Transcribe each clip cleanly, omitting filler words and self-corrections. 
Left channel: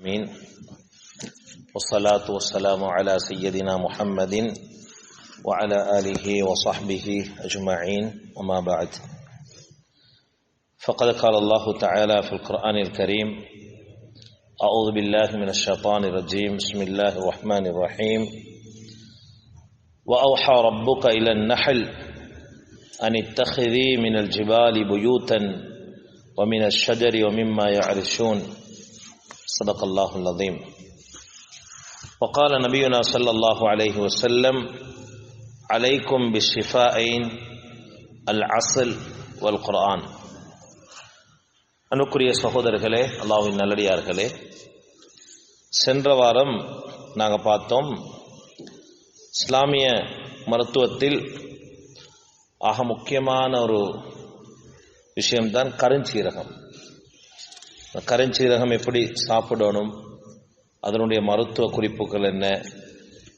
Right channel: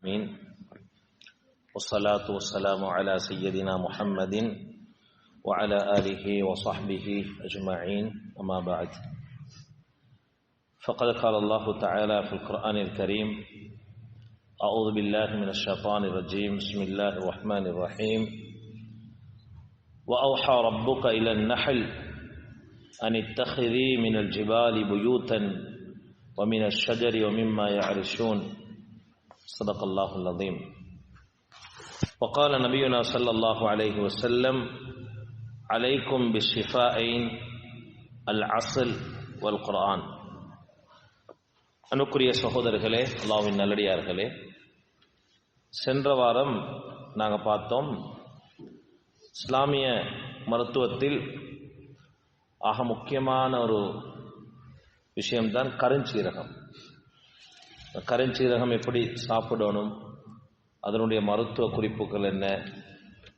آمين والصلاة والسلام على سيدنا محمد وعلى آله وصحبه أجمعين وما بعد فقد قال الله تعالى في القرآن الكريم أعوذ بالله من الشيطان الرجيم بسم الله الرحمن الرحيم وأوحى ربك إلى النحل أن اتخذي من الجبال بيوتا ومن الشجر ومما يعرشون صدق الله العظيم وقال نبينا صلى الله عليه وسلم عليكم بالشفاءين العسل والقرآن. அன்புக்குரிய சகோதரர்களே, அல்லாஹ்வின் நல்லடியார்களே, சென்ற வாரம் நாங்கள் பார்த்தோம் இஸ்லாமிய மருத்துவத்தில் ஆக முக்கியமான ஒரு விஷயம்தான் கருஞ்சீரகம். கருஞ்சீரகம் எப்படி சாப்பிடணும், அதனுடைய மருத்துவ குறிப்புகள் என்ன,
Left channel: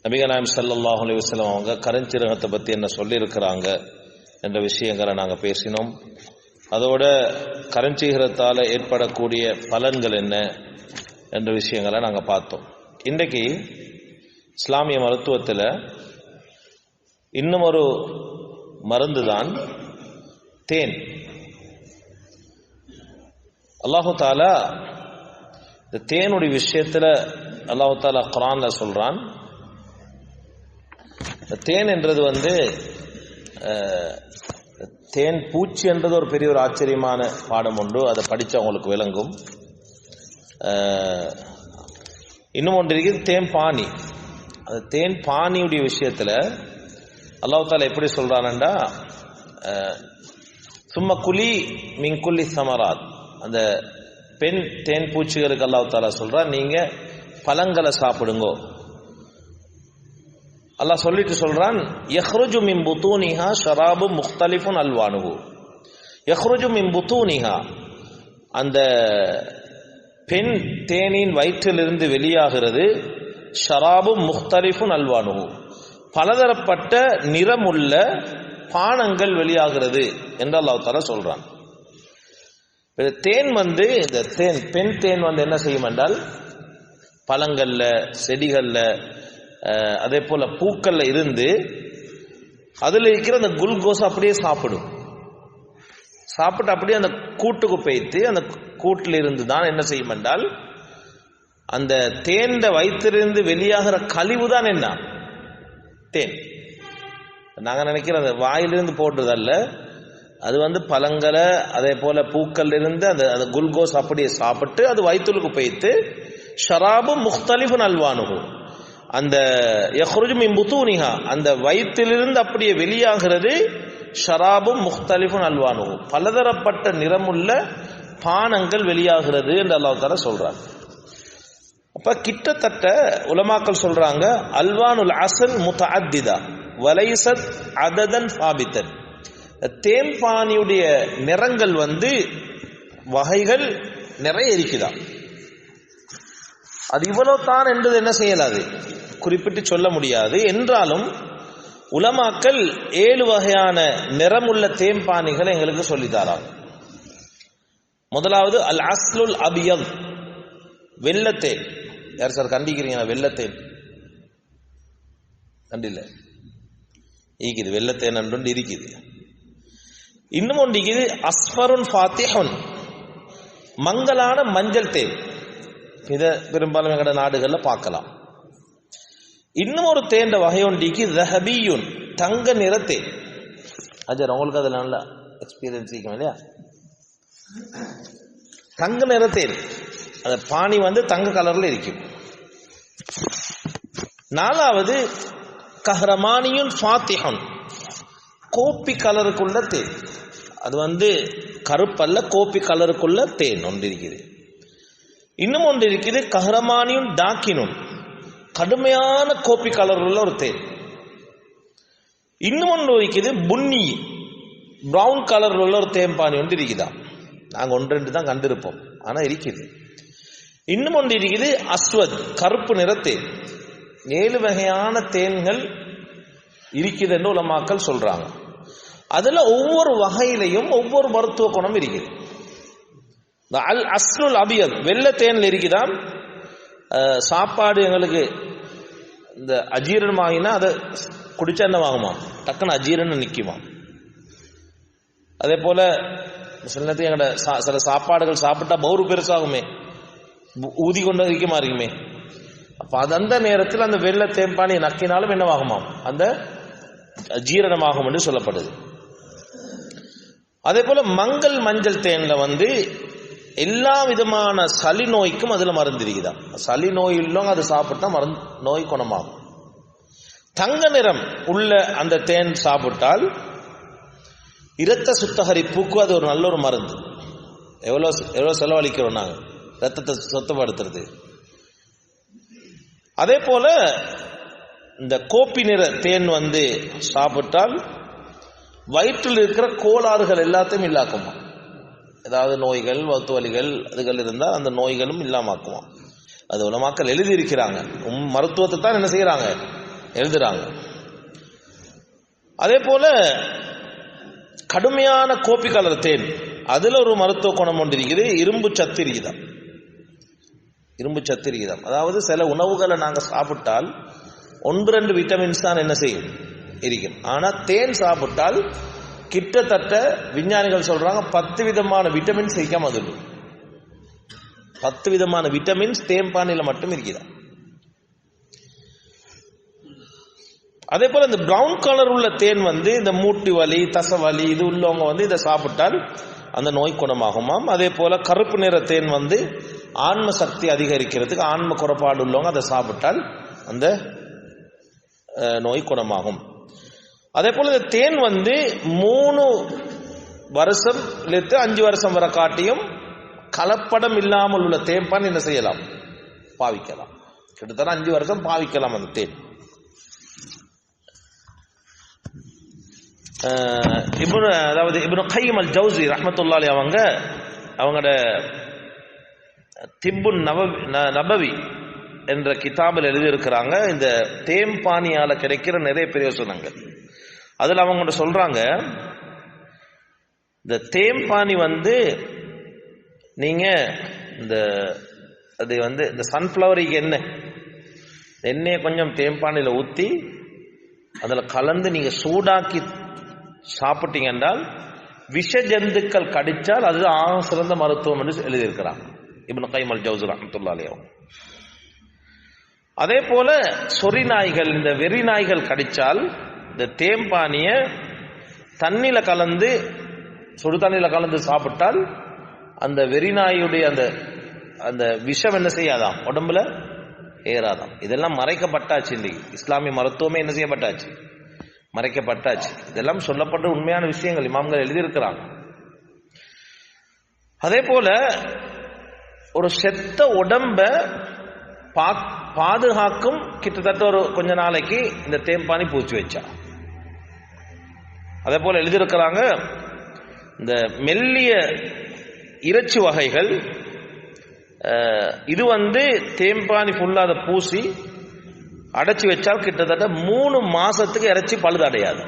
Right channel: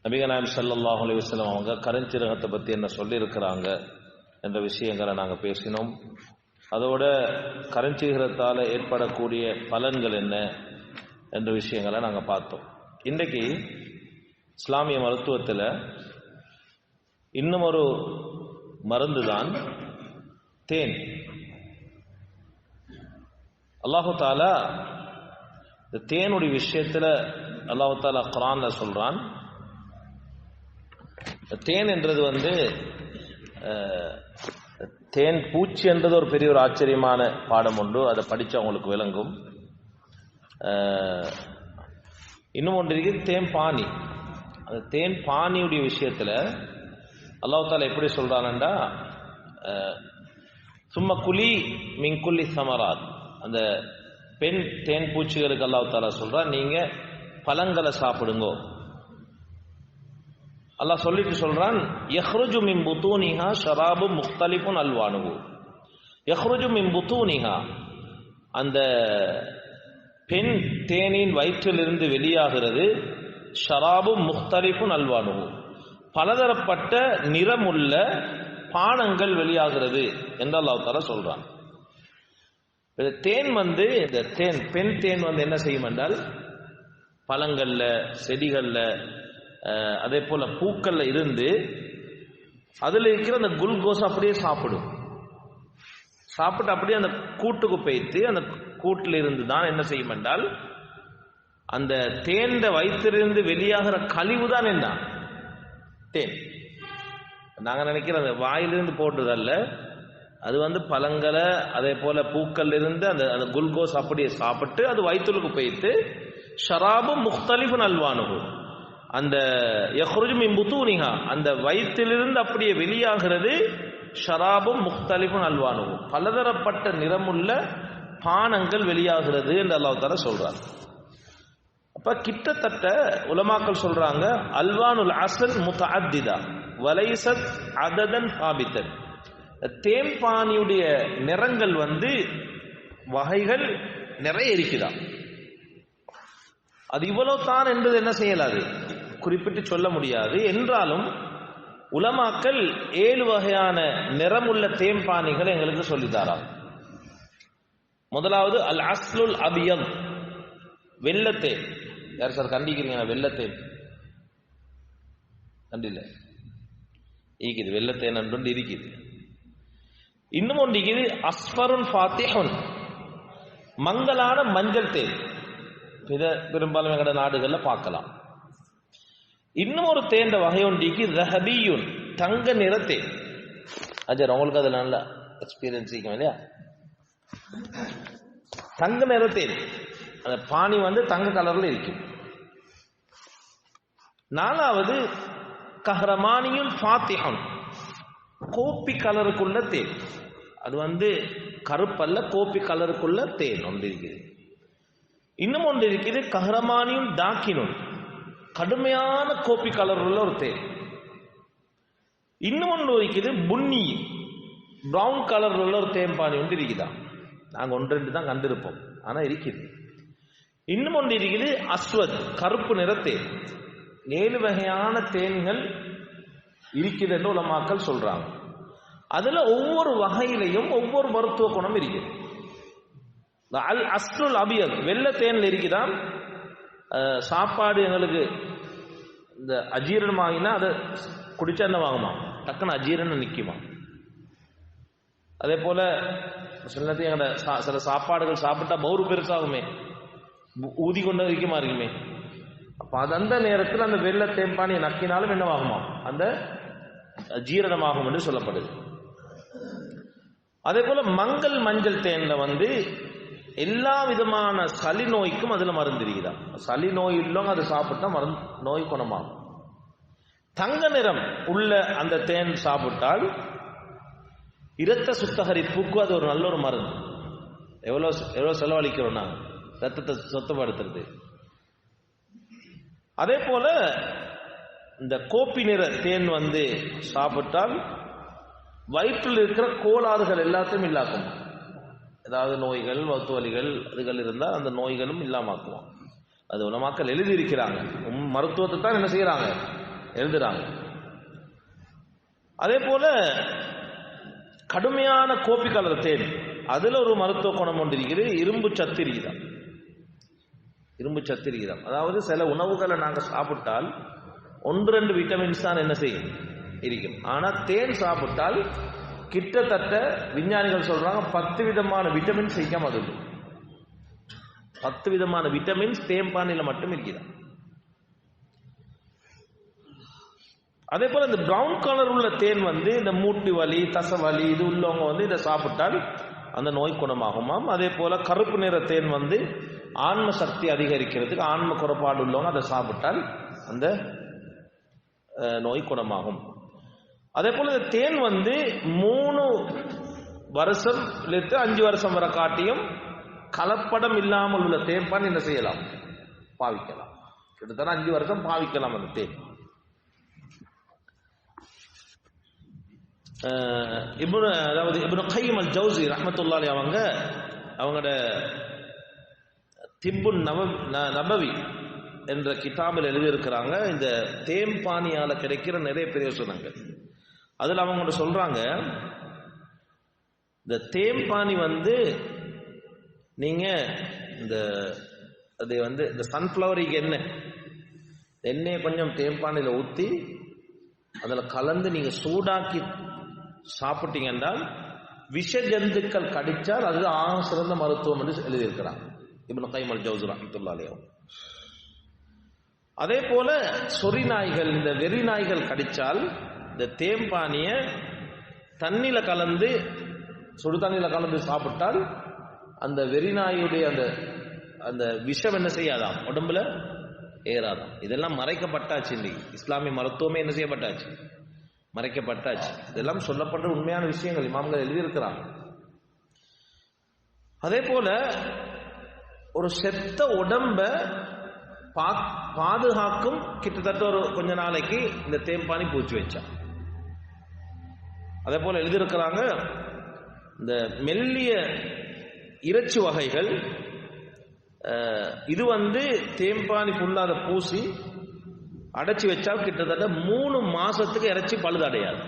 நபிகள் நாயகம் ஸல்லல்லாஹு அலைஹி வஸல்லம் அவங்க கருஞ்சீரகத்தை பற்றி என்ன சொல்லியிருக்கிறாங்க என்ற விஷயங்களை நாங்கள் பேசினோம். அதோட கருஞ்சீரகத்தால் ஏற்படக்கூடிய பலன்கள் என்ன என்ற விஷயங்களை நாங்கள் பார்த்தோம். இன்றைக்கு இஸ்லாமிய மருத்துவத்தில் இன்னும் ஒரு மருந்து தான் தேன். அல்லாஹு தாலா இந்த தேனுடைய விஷயத்தில் அல்லாஹு தாலா குர்ஆன்ல சொல்றான். தேன் என்றது தேன் பூச்சி என்றது ஒரு பெரிய ஒரு ஆச்சரியமான பாடம் உண்டு. அதை படித்து அவங்களுக்கு விளங்கும். இன்னும் ஒன்று இருக்குது தேன் பானி. அந்த தேன் பானியுடைய விஷயத்தில் அல்லாஹ் தாலா எப்படி சொல்றான்டா, சும்மா குலி மின்குல்லி சமராத், அந்த பெண் தேன் பூச்சிகளுக்கு அல்லாஹ் தாலா சொல்றான், நீங்க பழங்களை சாப்பிடுங்கோ. அல்லாஹ் சொல்லிட்டு சொல்றான், யஹ்ருஜு மின் புத்தூனிஹா ஷராபும் முக்தலிஃபுன் அல்வானுஹு. யஹ்ருஜு மின் புத்தூனிஹா, அந்த பெண் தேனின் வயிற்றிலிருந்து வெளியாகிறது, ஷராபும் முக்தலிஃபுன் அல்வானுஹு, பலதரப்பட்ட நிறமுள்ள பானங்கள் வெளியாகிறது என்று அல்லாஹ் தஆலா சொல்றான். தேன் இந்த தேன் பெண் தேன் என்ன செய்யும் என்றால், பழங்கள்ல, செடிகள்ல, அதே போல பூக்கள்ல இருந்து அதுல இருக்கிற அந்த குளுக்கோஸ் அப்படியே சாப்பிட்டு அப்படியே அந்த கூட்டுக்கு போய்த்து அந்த கூட்டில் இருந்து தான் என்ன செய்யும் என்றால், அந்த தேன் வயிற்றிலிருந்து வெளியாகிற கழிவு தான் என்ன தேன். நாங்கள் நினைக்கிற அந்த வாயிலிருந்து போடுறதல்ல, அது பழங்களை அதே போல பூக்கள் இருந்து அந்த குளுக்கோஸ் அப்படியே சாப்பிட்டு அது வயிற்றுக்கு போய்த்து ஷராபும் முக்தலிஃபுன் அல்வானுஹு, அந்த யஹ்ருஜு மின் புத்தூனிஹா, அந்த வயிற்றிலிருந்து அப்படியே வெளியாகிறது, ஷராபும் முக்தலிஃபுன் அல்வானுஹு, பலதரப்பட்ட நிறமுள்ள பானங்கள் வெளியாகிறது என்று அல்லாஹ் தஆலா சொல்றார். அப்ப கிட்டத்தட்ட உலமாக்கள் சொல்றாங்க, அல்வானுல் அஸ்ல் முத்தஅத்திதா வலைஸத் அததன் சாபித்தன். தேம்பானியுடைய நிறங்கள் வகைகள் நிறைய இருக்குதா. அது இவ்வளவு தான் என்பது என்ன செய்யலாது, குறிப்பிட்டு சொல்ல முடியாது. என்றாலும் உலமாக்கள் 7 வகையான நிறமுள்ள தேம்பானிகளை எங்களுக்கு சொல்லித்தாராங்க. முதலாவது அல் அஸ்லுல் அபியத், வெள்ளத்தேன். யார் சார் கண்டிக்கிறீங்க? வெள்ளத்தேன் கண்டில்ல இருக்குது, வெள்ளத்தேன் என்று இருக்குது. இன்னும் ஒன்று இருக்குது அஸ்ஃபருன் ஃபாத்திஹுன், மங்கலான மஞ்சள் தேன். இதை பெரும்பாலும் எங்கட நாடுகளில் பார்க்கலாம். இன்னும் ஒரு தேன் வகை ஒன்றிக்கு ரஹபியுன், தங்க நிற தேன். அஜர், உங்களுக்கு அதில் நல்ல எக்ஸ்பீரியன்ஸ் இருக்கும் இல்லையா? தங்க நிற தேன், அந்த பானி தங்க கலர்ல இருக்கும். 4வது கஹ்ரமானியுன் ஃபாத்திஹுன், கோப்பி கலருக்குள்ள தேன். அது கருப்பல்ல, கோப்பி கலருக்குள்ள தேன் ஒன்று இருக்குது. இன்னும் ஒன்று இருக்குது கஹ்ரமானியும் டாக்கினும், கடுமையான கோப்பி கலர் உள்ள ஒரு தேன். இன்னும் ஒன்று இருக்குது புன்னி, பிரவுன் கலர் உள்ள ஒரு தேன்பானி ஒன்று இருக்குதா. நாங்கள் 1-2 தான் கண்டிருப்போம், ஆனா இருக்குது. இன்னும் ஒன்று இருக்குது அஸ்வத், கருப்பு நிற தேன். 7 வகையான தேன்கள் இருக்குது என்று உலமாக்கள் சொல்றாங்க. அதுல ஒவ்வொரு வகையிலையும் ஒவ்வொரு மருத்துவ குணம் இருக்குது. அல் அஸ்லுல் அபியத், வெள்ளை தேன்ல இருக்குதான் சாப்பாடு எங்களுக்கு இந்த அஜீரணம் ஆகினா அதை குடிச்சா என்ன வாங்குமா, டக்குன்னு அஜீரணம் நிற்குமா. அதே போல சில நேரத்தில் எங்களோட சில சாப்பாடுகள் சாப்பிட்டா பௌரு பெருசாகுமே, ஊதி கொண்டு வைக்கமா இருக்குமே. அப்ப அது அந்த நேரத்தில் அந்த வெள்ளை தேம்பானி நக்கினாலும் என்னவாகுமா, அந்த ஜீரணமாகும் என்று சொல்லப்படுது. அதே போல மஞ்சள் தேன்ல எல்லா விதமான சளி நோய்க்கும் அதுல மருந்து இருக்குதா. சளி நோய் உள்ளவங்க அது சாப்பிட்டா நோய் குணமாகும். தங்க நிறம் உள்ள அந்த தேன் சாப்பிட்டால் இரத்த சுத்தகரிப்புக்கு அது ஒரு நல்ல ஒரு மருந்து. எவ்வளவு செலவழிக்கிறோம் நாங்க ரத்தத்தை சுத்தப்படுத்துறது. அதே போல இந்த கோப்பி நிற தேன் சாப்பிட்டால் வயிற்றில் இருக்கிற கோளாறுகள் எல்லாத்தையும் இல்லாக்குமா. ஏதாவது நோய்கள் வயிற்று வலிகள் அதுகள் இருந்தால் அந்த நோய்களும் இல்லாமக்குமா. அது உலமாக்கள் எழுதியிருக்கிறாங்க. மருத்துவத்தை தான் என்ன செய்யறாங்க, எழுதுறாங்க. அதே போல கடுமையான கோப்பி கலர் தேன் அதுல ஒரு மருத்துவ குணம் ஒன்று இருக்குது. இரும்பு சத்து இருக்குதாம். அதாவது சில உணவுகளை நாங்கள் சாப்பிட்டால் 1-2 விட்டமின்ஸ் தான் என்ன செய்யும் இருக்கும். ஆனா தேன் சாப்பிட்டால் கிட்டத்தட்ட விஞ்ஞானிகள் சொல்றாங்க 10 விதமான விட்டமின்ஸ் இருக்காம. அது 10 விதமான விட்டமின்ஸ் தேம்பானில மட்டும் இருக்குதா. அதே போல இந்த பிரவுன் கலர் உள்ள தேன் இந்த மூட்டு வலி தசை வலி இது உள்ளவங்க இதை சாப்பிட்டால் அந்த நோய் குணமாகுமாம். அதே போல கருப்பு நிற தேன் ஆன்ம சக்தி அதிகரிக்கிறதுக்கு, ஆன்ம குறைபாடு உள்ளவங்க அதை சாப்பிட்டால் அந்த நோய் குணமாகும். அதே போல இந்த தேன் 3 வருஷம் 5 வருஷம் வரை காட்டியும் கலப்படம் இல்லாமல் உள்ள தேன்பான் என்ன செய்யலாம், பாவிக்கலாம். கிட்டத்தட்ட 5 வருஷம் பாவிக்கலாம் அந்த தேன். இப்னு கைம் அல் ஜௌஸி ரஹ்மத்துல்லாஹி அவங்களோட திப்புன் நபவி என்ற கிதாபில் எழுதியிருக்கிறாங்க இந்த தேம்பானியால கிடைக்கிற நிறைய பிரயோசனங்கள். அதுல அவங்க சொல்றாங்க, இந்த தேம்பானி நீங்க இந்த அது இந்த சன்ஃப்ளவருக்கு எண்ணெயை கொஞ்சம் தேம்பானில ஊத்தி அதுல கலந்து நீங்க சூடாக்கி சாப்பிட்டீங்க என்றால் விஷ ஜந்துக்கள் கடிச்சால் அது ஆக சிறந்த மருத்துவம் என்று எழுதியிருக்கிறாங்க இப்னு கைம் அல் ஜௌஸி ரஹ்மத்துல்லாஹி அலைஹி. அதே போல சொறி நாய்கள், இந்த வெறி நாய்கள் கடிச்சால் இந்த தேம்பானிய தண்ணியில கலந்து சுடு தண்ணியில கலந்து சாப்பிட்டால் அந்த வெறி நாயுடைய அந்த விஷம் என்ன செய்யாதாம், உடம்புல ஏறாதாம். இதெல்லாம் மறைக்கப்பட்டாச்சு. இன்னைக்கு இஸ்லாமிய மருத்துவமே என்ன செய்யப்பட்டாச்சு, மறைக்கப்பட்டாச்சு. இதெல்லாம் சொல்லப்பட்ட உண்மையான விஷயங்கள் இமாம்கள் எழுதியிருக்கிறாங்க. அதே போல ஒரு செத்த உடம்ப பாதுகாக்கும் கிட்டத்தட்ட ஒரு கொஞ்ச நாளைக்கு இந்த தேம்பானி பூச்சி வச்சா. அதே போல எழுதியிருக்கிறாங்க இந்த மெல்லிய இறைச்சி வகைகள் இது தேம்பானி ஃபுல்லா அதை பூசி அடைச்சி வச்சால் கிட்டத்தட்ட 3 மாசத்துக்கு இறைச்சி பழுது அடையாது.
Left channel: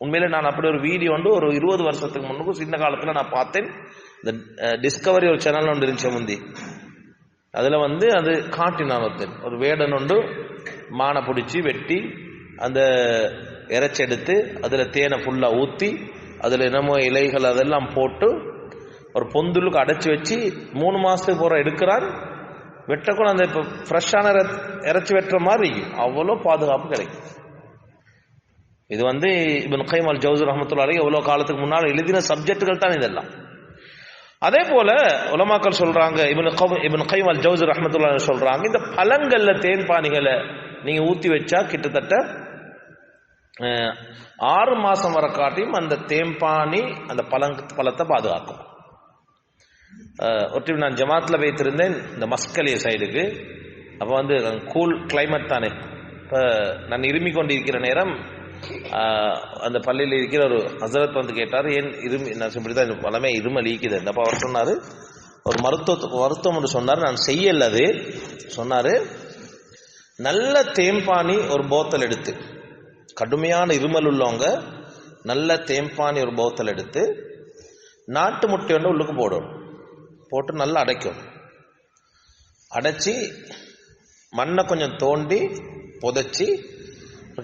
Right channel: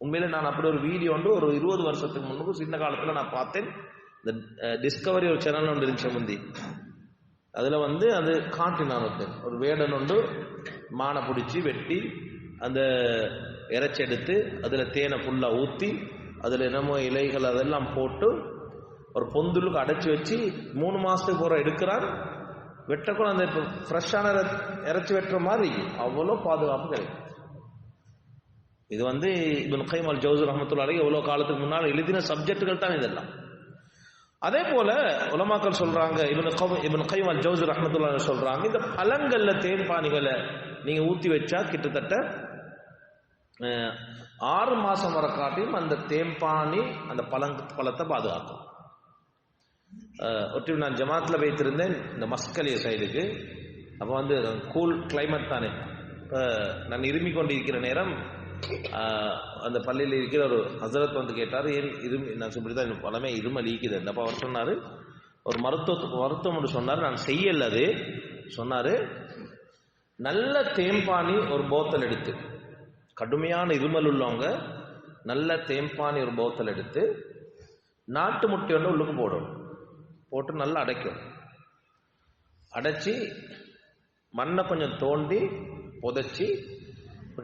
உண்மையில நான் அப்படி ஒரு வீடியோ ஒரு 20 வருஷத்துக்கு முன்னுக்கு சின்ன காலத்துல நான் பார்த்தேன். இந்த டிஸ்கவரி ஒரு சேனல் ஒன்று இருந்துச்சு முந்தி. அதுல அது காட்டினான் ஒரு வேடன் மானை பிடிச்சி வெட்டி அந்த இறைச்சி எடுத்து அதுல தேனை ஃபுல்லா ஊத்தி அதுல என்னமோ இலைகள் அதெல்லாம் போட்டு ஒரு பொந்துலுக்கு அடைச்சி வச்சு 3 மாசத்துக்கு போற எடுக்கிறான். வெட்டக்கூட அந்த இப்ப ஃப்ரெஷ்ஷான இறைச்சி வெட்டுற மாதிரி அவ்வளோ பாதுகாப்பு கிடைக்கும். இது இப்னு கைம் அல் ஜௌஸி ரஹ்மத்துல்லாஹி அலைஹி எவ்வளவு காலத்துக்கு முன்னால் எழுதின சப்ஜெக்டுகள் தான் இதெல்லாம். அதே போல உலமாக்கள் சொல்றாங்க, இப்னு கைம் அல் ஜௌஸி ரஹ்மத்துல்லாஹி அலைஹி சொல்றாங்க, இந்த பழங்கள்ல தேன்பானிகளை நீங்க ஊத்தி வச்சா கிட்டத்தட்ட 6 மாசம் வரை காட்டியும் அந்த தேம்பானி அந்த பழத்தை பாதுகாக்கும். ஒட்டி நான் ஜமாத்ல வைத்திருந்தேன் இந்த மஸ்கலிய சைடுக்கு. அப்போ கூல் கிளைமேட் தானே. இப்போ நான் இருமி கொண்டிருக்கிற நேரம் அந்த பள்ளியில் இருக்கிற ஒரு ஹசரத் கேட்டார், ஏன் இருமி, நான் இப்படிதான் பலமே இருமல் ஈக்குது. அப்போ அவர் சொன்னார், ஒரு மருத்துவம் ஒன்று சொன்னார், நான் செய்யல. அது சொன்னார், நல்ல தேம்பானி ஒரு போத்தல் எடுத்து, கடுமையான இருமல் உள்ளவங்க நல்ல தேம்பானி ஒரு போத்தல் எடுத்து நாட்டு முட்டை உள்ளுக்கு போடணும், போட்டு நல்லா அடைக்கும். அடைச்சி மண்ணை கொஞ்சம் தோண்டி புதைச்சி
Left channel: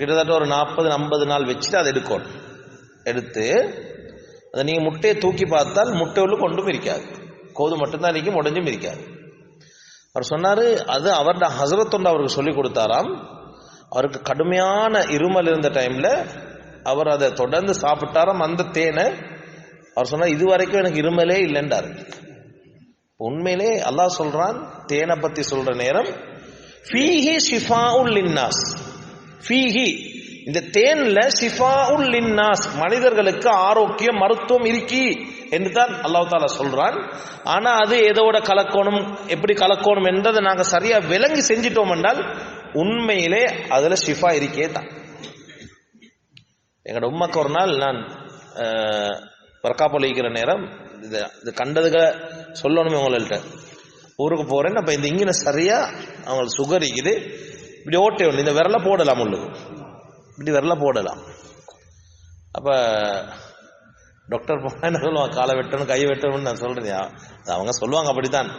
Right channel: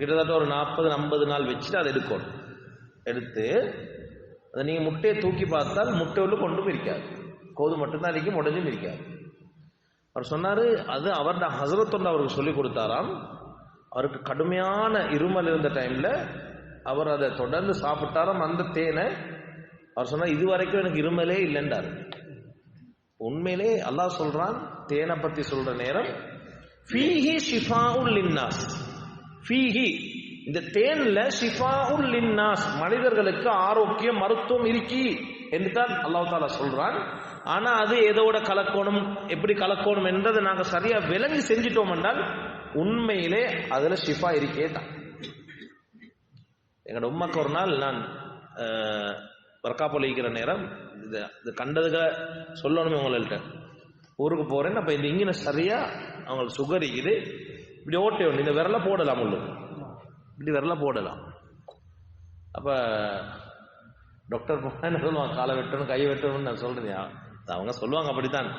கிட்டத்தட்ட ஒரு 40-50 நாள் வச்சுட்டு அதை எடுக்கணும். எடுத்து அதை நீங்கள் முட்டையை தூக்கி பார்த்தால் முட்டை உள்ள கொண்டும் இருக்காது, கோது மட்டும்தான் இருக்கும், உடஞ்சும் இருக்காது. அவர் சொன்னார், அது அவருடைய ஹசரத்தொண்டு அவருக்கு சொல்லி கொடுத்தாராம். அவருக்கு கடுமையான இருமல் இருந்த டைமில் அவர் அதை தொடர்ந்து சாப்பிட்டாராம். அந்த தேனை அவர் சொன்னார், இது வரைக்கும் எனக்கு இருமலே இல்லைன்றார். உண்மையிலே அல்லாஹ் சொல்றான், தேனை பற்றி சொல்ற நேரம் ஃபீஹி ஷிஃபாஉல் லின்னாஸ், ஃபீஹி இந்த தேன்ல ஷிஃபாஉல் லின்னாஸ், மனிதர்களுக்கு ஆரோக்கியம் மருத்துவம் இருக்கி என்று தான் அல்லாஹ் தாலா சொல்றான். ஆனா அது எதோட கலக்கணும், எப்படி கலக்கணும் என்றதை நாங்க சரியா விளங்கி செஞ்சிட்டோம் என்றால் உண்மையிலே அதுல ஷிஃபா இருக்கே தான். எங்களோட உம்மாக்கு ஒரு நாள் நான் பறக்காப்பொழிக்கிற நேரம் இது கண்டதுக்கு சொல்லணுமே உங்கள்கிட்ட, ஊருக்கு போறேன். அப்ப இந்த இங்கின சரியா அவங்களுக்கு சுகர் இருக்குது, இப்படி ஓட்டை உண்டு, இந்த விரல போடலாம், உள்ளுக்கு இப்படி விரல போடலாம். அப்ப டாக்டர் போனா என்ன சொல்லுவாங்க, காலை வெட்டணும் கை வெட்டணும்னு நான் சொல்றேன். அவங்க சொல்லுவாங்க அப்படித்தான்.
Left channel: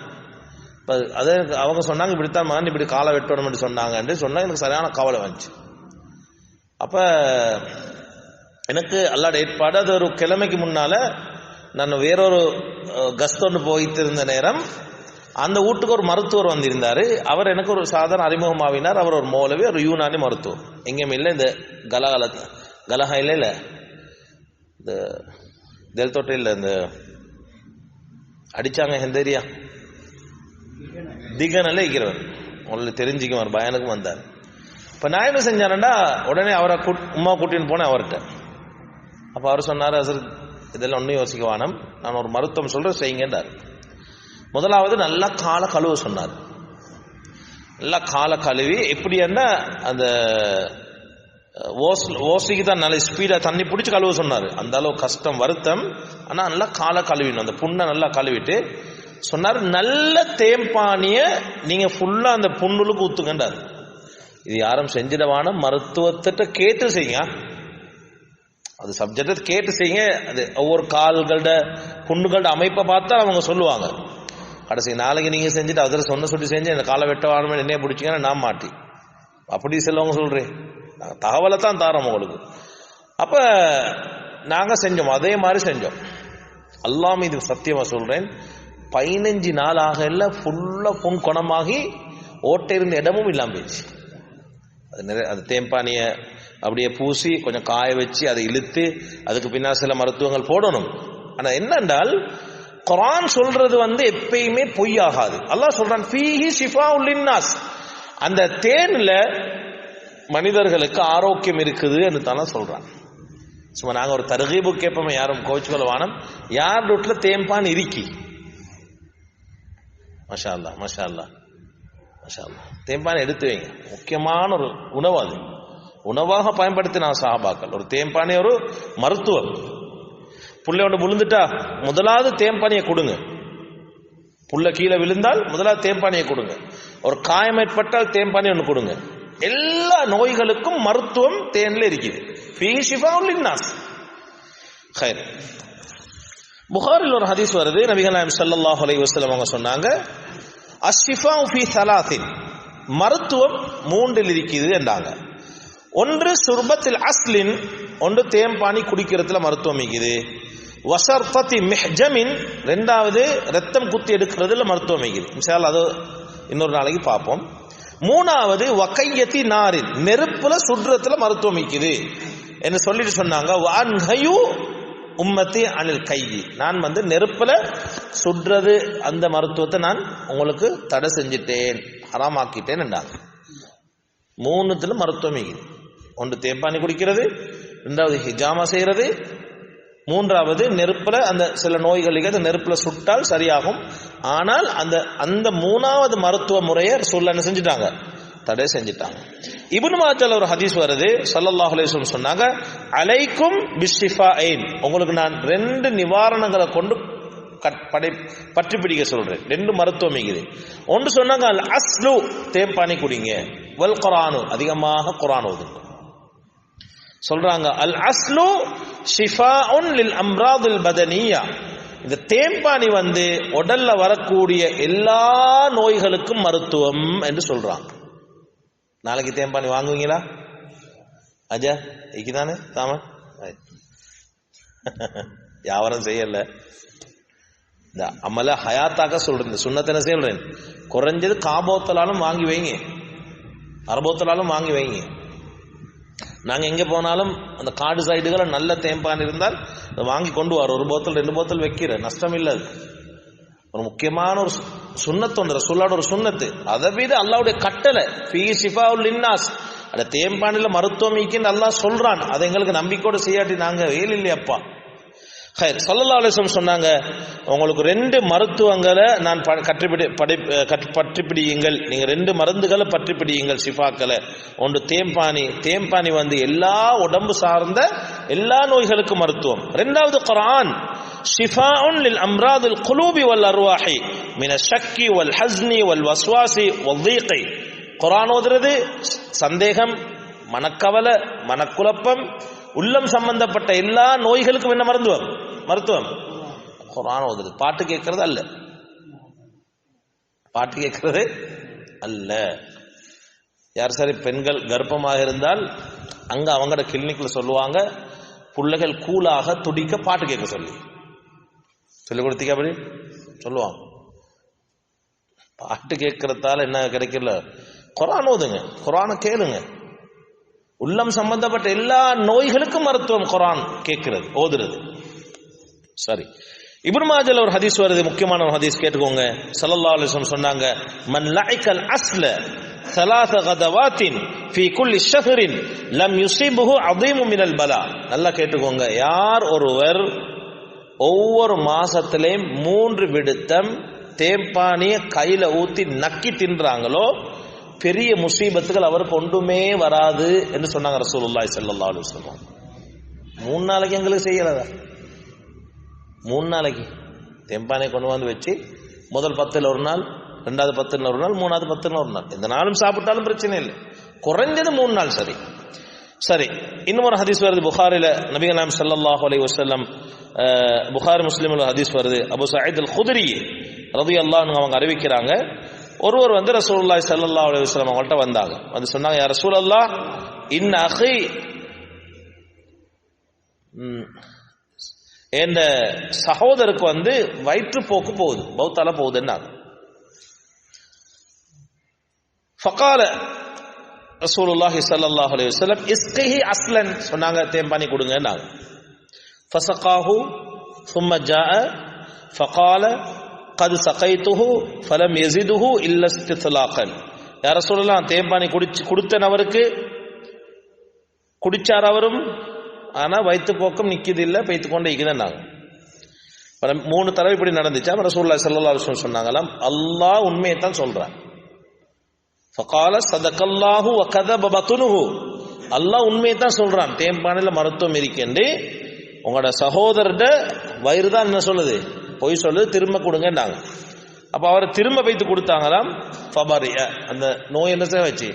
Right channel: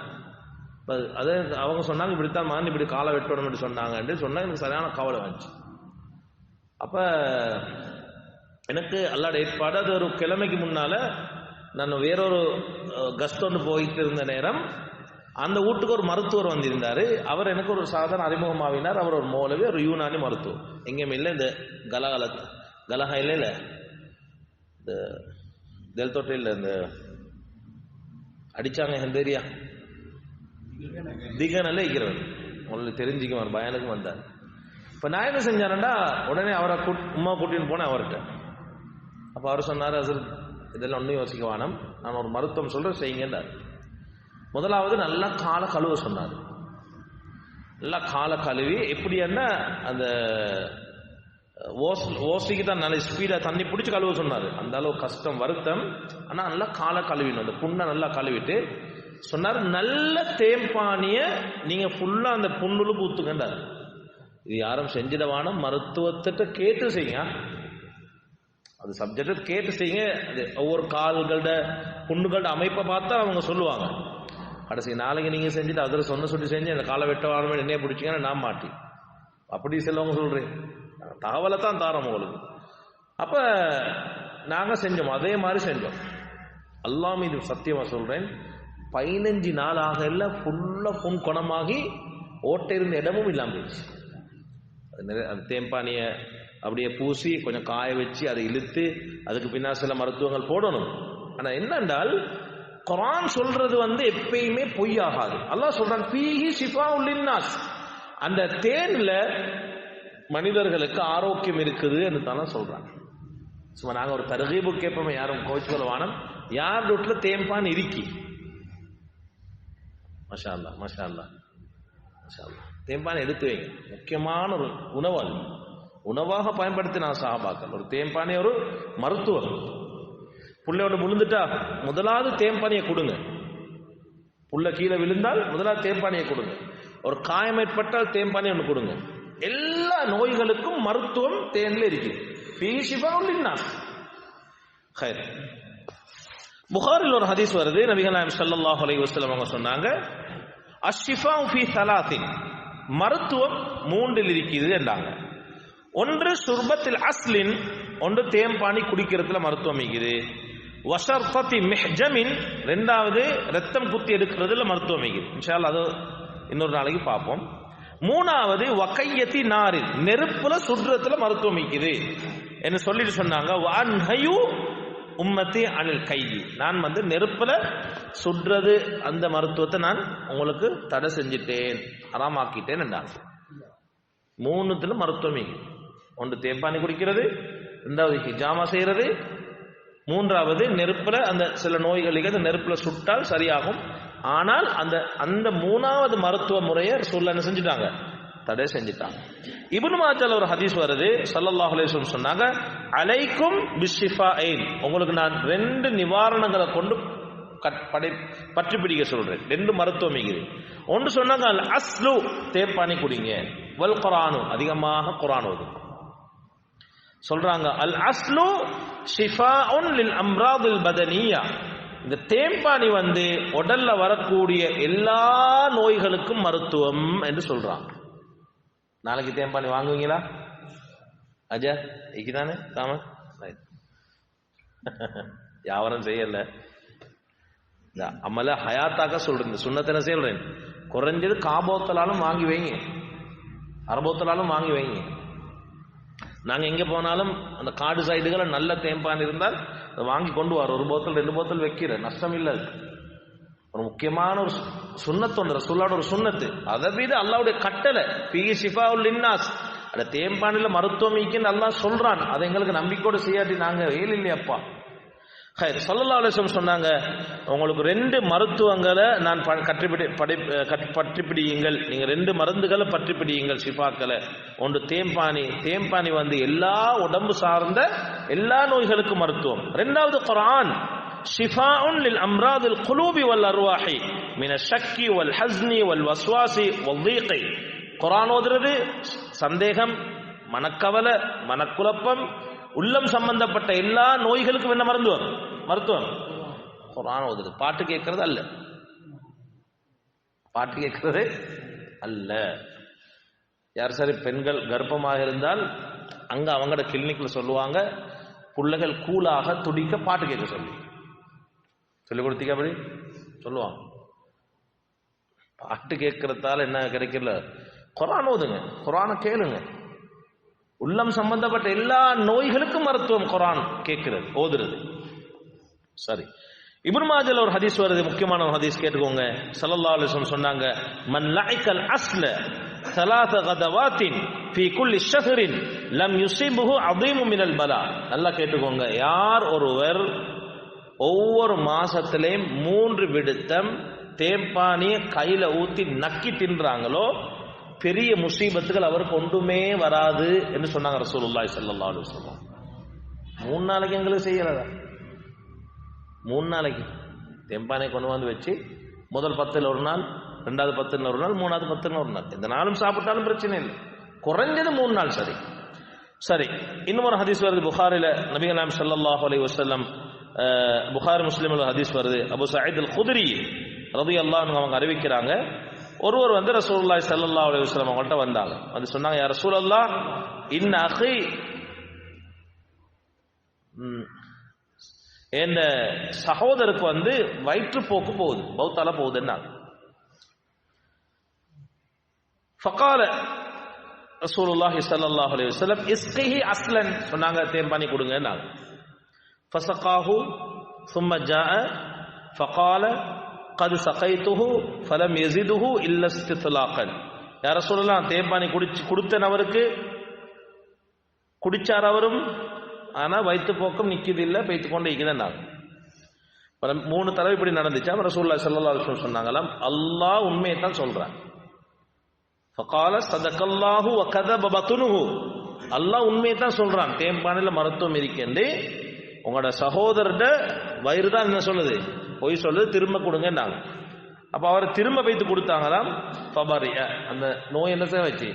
இப்போ அதே அவங்க சொன்னாங்க இப்படித்தான் மகன் இப்படி காலை வெட்டணும்னு சொன்னாங்கன்னு சொன்னா எனக்கு சரியான கவலை வந்துச்சு. அப்ப எனக்கு அல்லாட ஏற்பாடு, அது ஒரு கிழமைக்கு முன்னால நான் வேறொரு கஸ்தொன்று போயிட்டு இருந்த நேரம் அந்த வீட்டுக்கு ஒரு மருத்துவர் வந்திருந்தாரு. அவர் எனக்கு ஒரு சாதாரண அறிமுகமாவினார். அவர் ஒரு மௌலவி, ஒரு யூனானி மருத்துவர். எங்கேயும் இல்லை, இந்த கலஹா இல்லை, இந்த தெல்தோட்டை இல்லை, இந்த அடிச்சாங்க ஹெந்தேரியா திகனல்ல இருக்கிறவர், உங்களுக்கு தெரிஞ்சுக்குவார், பயனுக்கும் வந்தார். இப்போ நான் என்ன செஞ்சானேண்டா, உடனே அவரை உமா கூட்டின்னு போனேன் அவர்கிட்ட. அப்போ அவர் சொன்னார், சார் இதெல்லாம் ஒன்றும் யோசிக்க வேணாம், நான் ஒரு மருத்துவம் சொல்கிறேன் செய்யுங்கன்றார். முதலாவது நல்லா காலை கழுவ சொன்னார். நல்லா காலை கழுவி எப்படின்னா அந்த ஓசிக்கு தான் நல்ல ஸ்பீடாக தண்ணி பிடிச்சி கழுவ சொன்னார். அந்த அளவு கஷ்டம் வருத்தம். ஆனால் நல்லா காலை கழுவிடணும், அந்த புண்ணை நல்லா கழுவிட்டு சொன்னார், நல்ல தேம்பானியை நீங்கள் ஃபுல்லாக அந்த புண்ணுலுக்கு ஊற்றுங்கன்றார். இது யாரும் செஞ்சிடவான, மருத்துவத்திட்ட கேட்டு செய்யுங்க, அது சப்ஜெக்ட் கேட்டு செய்யுங்க. அது ஒவ்வொரு கால்களோட புண்ணுகளோட அமைப்பை பார்த்தா அவங்க சொல்லுவாங்க. கடைசி நாளைக்கு நீங்கள் செஞ்சுட்டு அதில் சொல்லி செஞ்சு இந்த காலை வெட்ட வாழணும் என்னைய பிடிச்சிங்கன்னா நான் மாட்டி அப்படி செல்லவங்க சொல்கிறேன். நாங்கள் தகவலை தான் தாரோம் உங்களுக்கு. அப்போ நாங்கள் செஞ்சோம், அதே மாதிரி செஞ்சோம். அல்லாஹ் மீது சத்தியமாக சொல்கிறேன், 15 நாள் ஆக இல்லை ஃபுல்லாக புண் குணமாகி ஓட்டை இருந்த இடமும் இல்லாமல் போயிடுச்சு. அது தேம்பானியை அப்படியே பூசி கொஞ்சம் காய வச்சு அதை இழுத்து அதுக்கு பின்னால் சில மருத்துவங்கள் போடணும். ஆனால் என்னென்றால் குர்ஆன் சொல்றது எப்பயுமே பொய்யாகாது. அல்லாஹ் சொல்றான், ஃபீஹி ஷிஃபாஉல் லின்னாஸ், அந்த தேன்ல மனிதர்களுக்கு ஆரோக்கியம் இருக்குது என்று தானே சொல்றான். சும்மா நாங்கள் ஒரு தர்கீபு கேட்போமே, யாரும் கோச்சுக்கொள்ள வானம், யார் வீட்டுல தேம்பான் இருக்கி, மஷா அல்லாஹ் மஷா அல்லாஹ் மஷா அல்லாஹ், தேம்பான் எடுத்து வைங்க. முக்கியமான ஒரு உணவு, அது உணவாக பயன்படுத்தின சஹாபாக்கள். ஒரு தேம்பானே ஒரு மருத்துவர். புள்ளையோட விழுந்துட்டா முதலாவது தேம்பானியை கொடுங்க. புள்ள கீழே விழுந்தால் முதலாவது தேம்பானியை கொடுங்க. ஒரு காயம் ஏற்பட்டால் தேம்பானி ஒன்று கொடுங்க. எல்லா நோய்களுக்கும் மருத்துவம் தேன்ல இருக்குது. ஃபீஹி ஷிஃபாஉல் லின்னாஸ். ஹைர். புகாரில் ஒரு ஹதீஸ் வருது, நபிகள் நாயகம் ஸல்லல்லாஹு அலைஹி வஸல்லம் அவங்க சொன்னாங்க, அஷ்ஷிஃபாஉ ஃபீ ஸலாத்தின், மருத்துவம் 3 இருக்குது என்றாங்க. ஒன்று சுர்பத்தில் அஸ்லின், ஒன்று தேம்பானி குடிக்கிறதுல மருத்துவம் இருக்குது. வசர்பத்தி மிஹ்ஜமின், 2வது ரத்தம் குத்தி எடுக்கிறதுல மருத்துவம் இருக்குது. இன்ஷா அல்லாஹ் அது இன்னொரு நாளைக்கு பார்ப்போம். 3வது வகையத்தி நாரின், நெருப்புல சுடுறதுல மருத்துவம் இருக்குது என்று சொல்லிட்டு சொன்னாங்க. வஅன்ஹயு உம்மத்தி அனில் கையி, நான் நெருப்புல சுடுறது அந்த மருத்துவத்தை நான் உங்களுக்கு தடை செஞ்சிட்டேன், ஹராமாக்கிட்டேன் என்றாங்க. 3த்துல மருத்துவம் இருக்குது. ஒன்று தேம்பானி குடிக்கிறது, 2வது ஹிஜாமா செய்யறது, 3வது நெருப்புல அந்த சில நோய்களுக்கு அந்த நெருப்புல சுட்டால் சரியாகும். ஆனால் அந்த 3வது மருத்துவ முறையை ரசூலுல்லாஹ் என்ன செஞ்சிட்டாங்க, தடை செஞ்சிட்டாங்க. இப்னு மாஜால ஒரு ஹதீஸ் வருது, ஸல்லல்லாஹு அலைஹி வஸல்லம் சொன்னாங்க, அலைக்கும் பிஷ்ஷிஃபாயின், உங்களுக்கு நான் 2 நிவாரணங்களை கொண்டு பற்றி பிடிக்க சொல்றேன். 2 மருத்துவம் இருக்குது. ஒன்று சொன்னாங்க, அல் அஸ்லு, தேம்பானி குடிங்க, வல் குர்ஆனு, அதிகமாக குர்ஆன் ஓதுங்க சொல்றாங்க. அல் அஸ்லு ஷிஃபாஉன் லில் அம்ராதில் பதனியா, இந்த தேம்பானி உடல்ல வரக்கூடிய எல்லா நோய்களுக்கும் மருத்துவம் என்று சொல்றாங்க. நாளைக்கு தேம்பானி வாங்குவீங்களா? அஜா இக்குதானே தாமன் யாவரும் செய்யல. இந்த அமல ஹயாத்தாக்க சொல்றேன், சுண்ணத்தின சொல்றேன். குறைஞ்சது காபோத்தலாலும் வாங்கி வைங்க, அரபோத்தலாலும் வாங்கி வைங்க. நாங்க எங்க போனாலும் அந்த காடு சைடுகளை நல்ல தேம்பான் இருந்தால் வாங்கி கொண்டு வர, ஒரு போத்தல் 2 போத்தல் வைக்கிற நஷ்டம் இல்லை. ஒரு முக்கியமான ஒரு சுண்ணத்து வந்து ரசூலுல்லாஹ்வோட ஒரு சுண்ணத்து. அதை மீது அல்லாஹ்வுடைய கட்டளை ஃபீ ஷிஃபாஉல் லின்னாஸ், அந்த தேம்பானில மருத்துவம் இருக்குன்னு அல்லாஹ் சொல்றான். அதை எங்களுக்கு நம்பிக்கையோடு செய்யாட்டி நாங்க வேலை இல்லையப்பா. ஸல்லல்லாஹு அலைஹி வஸல்லம் சொன்னாங்க, உங்களுக்கு 2 மருத்துவங்களை நான் பற்றி பிடியுங்கள். நீங்க 2 மருந்துகளை பற்றி பிடியுங்கள், ஷிஃபாக்களை. ஒன்று தேம்பானி. தேம்பானி எல்லா உடம்பு சார்ந்த எல்லா நோய்களுக்கும் மருத்துவம். 2வது குர்ஆன், ஷிஃபாஉன் லில் அம்ராதில் குலூபி வல் அர்வாஹி மின ஷக்கி வல் ஹஸ்னி வல் வஸ்வாசி வல் தீகி. குர்ஆன் ஓதுறது சந்தேகம், மனக்கவலை, மனக்குழப்பம், உள்ளம் சம்பந்தப்பட்ட எல்லா நோய்களுக்கும் என்ன மருத்துவம் குர்ஆன் ஓதுறது. பாட்டு கேட்கறது அல்ல, பாட்டு கேட்கறது அல்ல. யார் சரி பெண்கள் கர்ப்பமாக இருந்தால் அங்க அவங்களோட கிளினிக்ல சொல்லுவாங்க, பிள்ளைகள் கூலாக துடிக்க பாட்டு கேட்க சொல்லி கொடுத்தீங்க அப்படி சொல்லுவாங்க. பாட்டு கேட்கறதால என்ன கிடைக்கல? குர்ஆன் ஓதுங்க, குர்ஆனை கேளுங்க. உள்ளம் சம்பந்தப்பட்ட எல்லா நோய்களுக்கும் மருத்துவம் குர்ஆன் கேட்கிறது, ஓதுறது. சரி, இப்னு மாஜால ஒரு ஹதீஸ் வருது, முக்கியமான ஒரு ஹதீஸ், கேட்டுக்கோங்க. ஸல்லல்லாஹு அலைஹி வஸல்லம் சொன்னாங்க, மன் லஅக்கல் அஸ்ல ثلاث غدوات في كل شهر لم يصيبه عظيم من البلاء. நல்லா கேட்டுக்கோங்க. யார் ஒருவர் ஒவ்வொரு மாசத்திலேயும் 3 விடுத்தம் தேம்பானிய கையில ஊத்தி நக்கி தின்றாங்களோ பெரிய முசீபத்துகள் அவருக்கு ஒன்றுமே வராது என்று சொன்னாங்க ரசூலுல்லாஹி ஸல்லல்லாஹு அலைஹி வஸல்லம். 3 நாளைக்கு எங்களுக்கு செய்யலதா? 3 நாளைக்கு தேம்பானியை கொண்டு வச்சு முதல் 10ல் ஒரு நாள், 2வது 10ல் ஒரு நாள், 3வது 10ல் ஒரு நாள், எந்த நாளும் சாப்பிட்டாலும் பிரச்சனை இல்லை. குறைஞ்சது 3 நாள். சரி. இன்னும் ஒரு ஹதீஸ் வருது புகாரில, நபிகள் நாயகம் ஸல்லல்லாஹு அலைஹி வஸல்லம், புகாரி முஸ்லிம்ல ஹதீஸ் வருது. அபூ சயீத் அல் குத்ரி ரலியல்லாஹு அன்ஹு அவங்க அறிவிக்கிறாங்க, ஒருவர் ரசூலுல்லாஹி ஸல்லல்லாஹு அலைஹி வஸல்லம் அவங்கள்ட்ட வந்தாங்க. சொன்னாங்க, யா ரசூலல்லாஹ், இன் அஹி, என் சகோதரருக்கு வயிற்றுப்போக்கு போகுது, பௌத்தால போகுதுன்னாங்க. ஃபகால ரசூலுல்லாஹி ஸல்லல்லாஹு அலைஹி வஸல்லம் இஸ்கிஹி அஸ்லன், சொன்னாங்க தேம்பானி கொடுங்கன்னாங்க. ஃபஸகாஹு ثم جاء فقال قد سقيته فلم يزده الا استطلاقا. யா ரசூலல்லாஹ், தேம்பானி கொடுத்தேன் அவருக்கு, குடிச்சார் அவரும், ஆனா வயிற்று போக்கம் நிக்குது இல்ல, பெய்த்து கொண்டே இருக்குதுன்னாங்க. 3 தடவை இப்படி நடந்துச்சா. ரசூலுல்லாஹி ஸல்லல்லாஹு அலைஹி வஸல்லம் சொன்னாங்களாம், அல்லாஹ் உண்மையை தான் சொல்றான். ஃபகால ஸதகல்லாஹு வ கதப பத்னுஹு, அல்லாஹ் உண்மையை தான் சொல்றான், தேம்பானில மருத்துவம் இருக்கேன்னு. உங்களோட சகோதரர்ட வயிறு தான் என்ன சொல்லுது, பொய் சொல்லுது, திரும்ப கொடுங்கன்னாங்க. அப்ப அவர் திரும்ப வைத்து கொடுத்தாங்களாம். ஃபபரிய, அந்த நோய் என்ன செய்ய வச்சு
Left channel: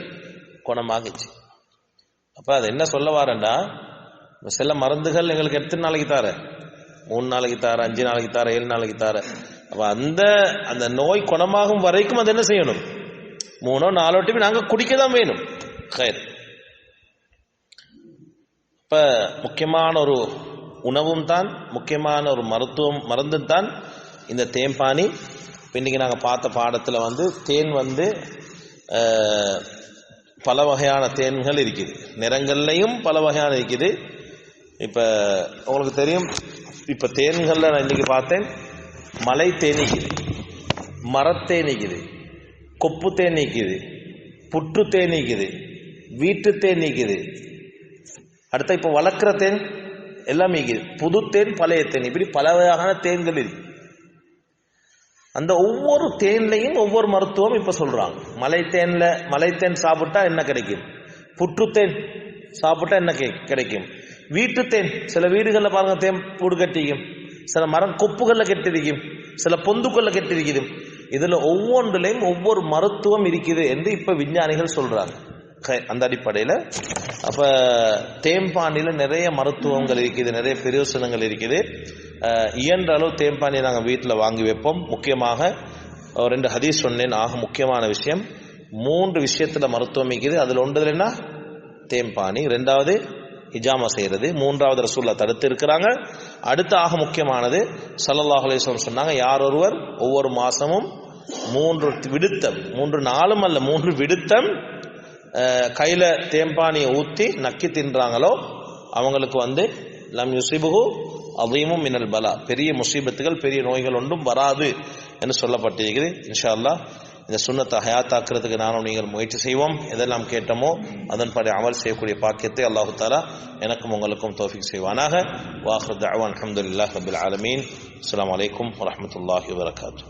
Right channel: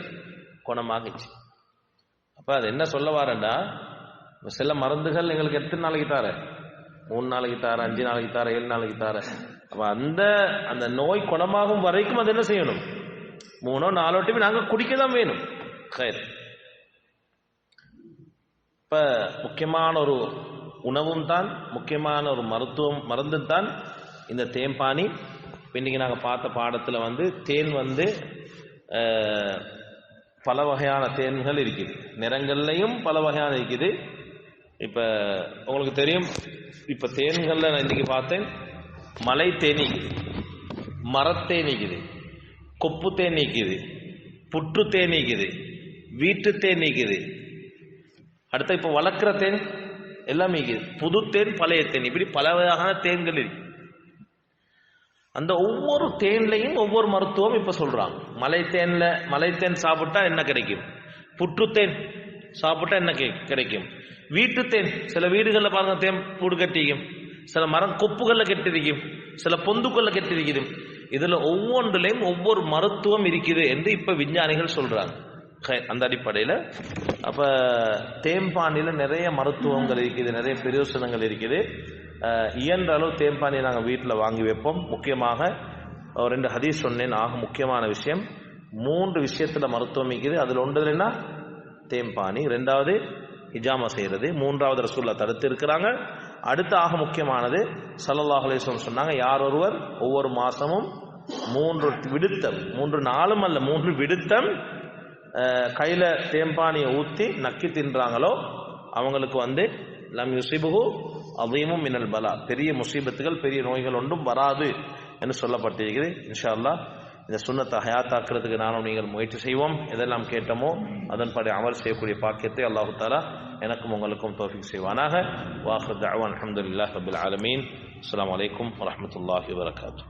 குணமாகுச்சு. அப்ப அது என்ன சொல்ல வாரண்டா, சில மருந்துகள் எங்களுக்கு எத்தனை நாளைக்கு தார, 3 நாளைக்கு தார, 5 நாளைக்கு தார, 7 நாளைக்கு தார. அப்ப அந்த நோய் குணமாகும் வரைக்கும் அது என்ன செய்யணும், 3 4 டைம் நாங்க குடிக்கதான் வேணும். இப்ப முக்கியமான ஒரு உணவும் தான், முக்கியமான ஒரு மருந்து தான் இந்த தேம்பானி. இன்னைக்கு நாங்க பார்த்த பாடத்துல தேன் பல வகையான தேன்கள் இருக்குது, நிறங்கள்லையும் பல வகையான இருக்குது. இப்ப உங்களுக்கு தெரியும், இப்ப தேன்கள்ல நான் இன்னைக்கு பார்த்தேன், மலை தேனீக்குது, மரத்தேனீக்குது, கொப்பு தேன் நீக்குது, புற்று தேன் நீக்குது, வீட்டு தேன் நீக்குது. அடுத்த இப்ப வளர்க்கிற தேன் எல்லாம் நீக்குது, புது தேன், பழைய தேன், இப்படி பல வகையான தேன்கள் இருக்கு. அந்த ஒவ்வொரு தேன்லையும் ஒவ்வொரு மருத்துவம் இப்ப சொல்றாங்க. மலைத்தேன் சாப்பிட்டா என்ன கிடைக்கும், புற்றுத்தேன் சாப்பிட்டா என்ன கிடைக்கும், வீட்டு தேன், சில வீடுகளில் பாருங்க தேன் பூடு கட்டிக்கும், சில மரம் கொப்புகள்ல கட்டிருக்கும், சில பொந்துக்கள்ல கட்டிருக்கும். இதுல ஒவ்வொன்றிலையும் ஒவ்வொரு மருத்துவம் இருக்குது என்று இப்ப விஞ்ஞானிகள் சொல்றாங்க. அந்த அடிப்படையில் அப்போ தேம்பானியில் நிறைய மருத்துவங்கள் இருக்குது, நிறைய பிரயோசனங்கள் இருக்குது. இயன்ற அளவு தேம்பானியை நாங்கள் வீட்டில் வாங்கி வைப்போம். முக்கியமாக 2 ஹதீஸ் சொன்னேன். ஆக முக்கியமான விஷயம் 3 விஷயத்தில் மருத்துவம் இருக்குது. அதில் ஒன்றுல என்ன? தேம்பானி. 2வது ஹிஜாமா செய்கிறது. 3வது ரசூலுல்லாஹ் தடுத்து இருக்கிறாங்க. அடுத்த ஆக முக்கியமானது ஸல்லல்லாஹு அலைஹி வஸல்லம் சொன்னாங்க, யார் ஒருவர் ஒவ்வொரு மாசமும் 3 விடுத்தம், 3 நாளும் அல்ல 3 விடுத்தம் கையில தேம்பானியை ஊற்றி நக்கி தின்றாங்களோ அவங்களுக்கு லம் யுஸிபுஹு அதீமும் மினல் பலா, பெரிய முசீபத்துகள் பெரிய நோய்கள் ஒன்றும் வராது என்று சொல்லப்பட்டிருக்கிறது. இன்ஷா அல்லாஹ் இந்த சுன்னத்தை ஹயாத்தாக்குறதுக்கு நானும் நீங்கள் முயற்சி செய்வோம். எதெல்லாம் கேட்டோமோ அதன்படி அமல் செய்யக்கூடிய பாக்கியத்தை அல்லாஹு தஆலா எனக்கும் உங்களுக்கும் தௌஃபீக் செய்வானாக. வாஹிரு தஅவானா அல்ஹம்துலில்லாஹி ரப்பில் ஆலமீன். அஸ்ஸலாமு அலைக்கும் வரஹ்மத்துல்லாஹி வபரகாத்துஹு.